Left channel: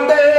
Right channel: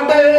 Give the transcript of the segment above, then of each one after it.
கொண்டு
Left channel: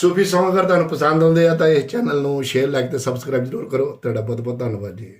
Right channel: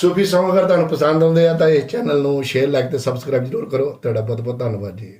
ਸੂਫੀ Song ਅਗਰ ਤੁਹਾਨੂੰ ਪਸੰਦ ਆਉਂਦੇ ਆ ਤਾਂ ਇਸ ਚੈਨਲ ਨੂੰ ਸ਼ੇਅਰ ਲਾਈਕ ਤੇ ਸਬਸਕ੍ਰਾਈਬ ਜ਼ਰੂਰ ਕਰੋ। ਤੁਹਾਡਾ ਬਹੁਤ ਬਹੁਤ ਧੰਨਵਾਦ ਜੀ।